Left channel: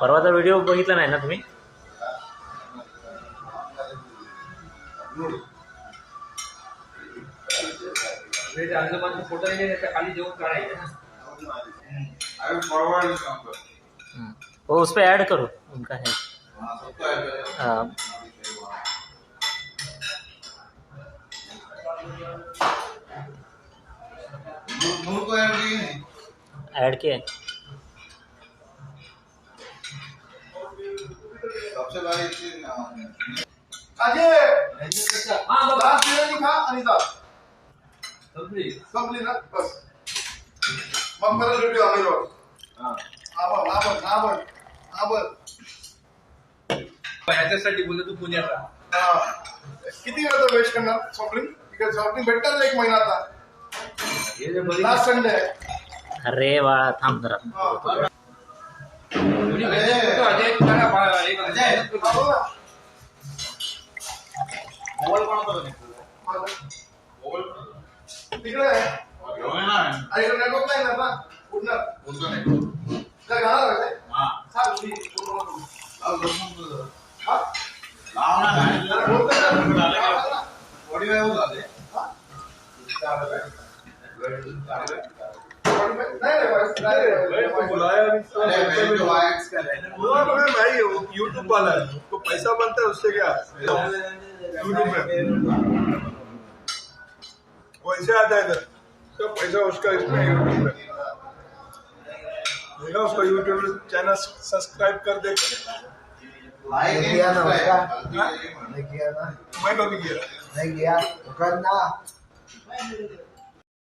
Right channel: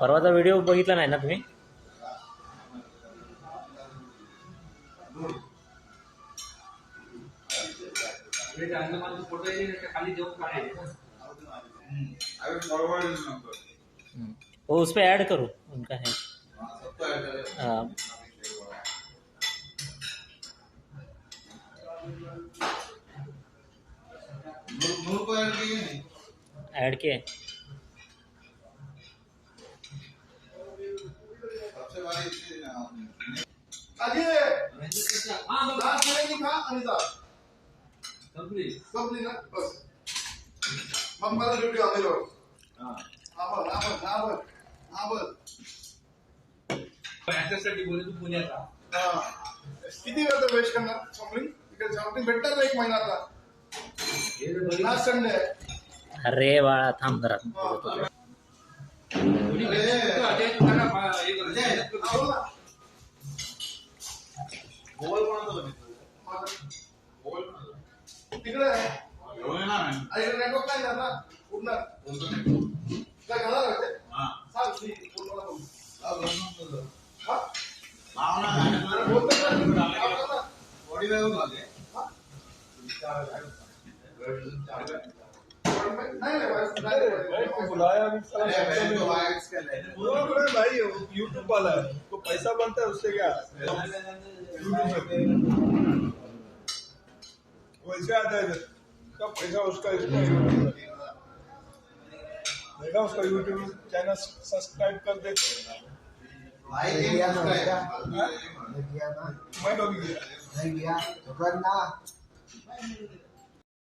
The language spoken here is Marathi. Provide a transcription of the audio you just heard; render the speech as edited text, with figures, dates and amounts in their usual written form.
परवाचा व्हिडिओ बघितला नाही ना तुम्ही? फोटो खाली जेवण काढायचे ना। वो उस पर ऐड करो उनका है। हाँ ऐड किया है। सबसे बड़ी चीज अजय हां बाबा बिर्याणी खा आणि जा संपली ना बस मग मला व्हिडिओ आले रोज हां आवर याच्यासाठी बोलतो तू पुण्याचा हां किती वेळ वेस्ट करणार शॉपिंग तिकडे शॉपिंग भेटणार एक महिना आता हे जे बघ लास्ट संडे आहे अरे बाळा थांब जरा। अजय मोबाईल कोणाचा बघितला तिकडे अरे नेटवर्क नाही ना पूर्ण काय घाला रे हां सांग मी पूर्ण हां लावणार आहे बॉडी वेळ होत आहे यूट्यूब वाला है उसको पैसा बनता है उससे क्या यूट्यूब पे वैसे आता है इधर सब पैसा उसका इसमें यूट्यूब पे देखा उसको यूट्यूब चैनल सब्सक्राइब कर दे किया ना उसका नहीं किया ना मैं कभी किया नहीं किया तो करना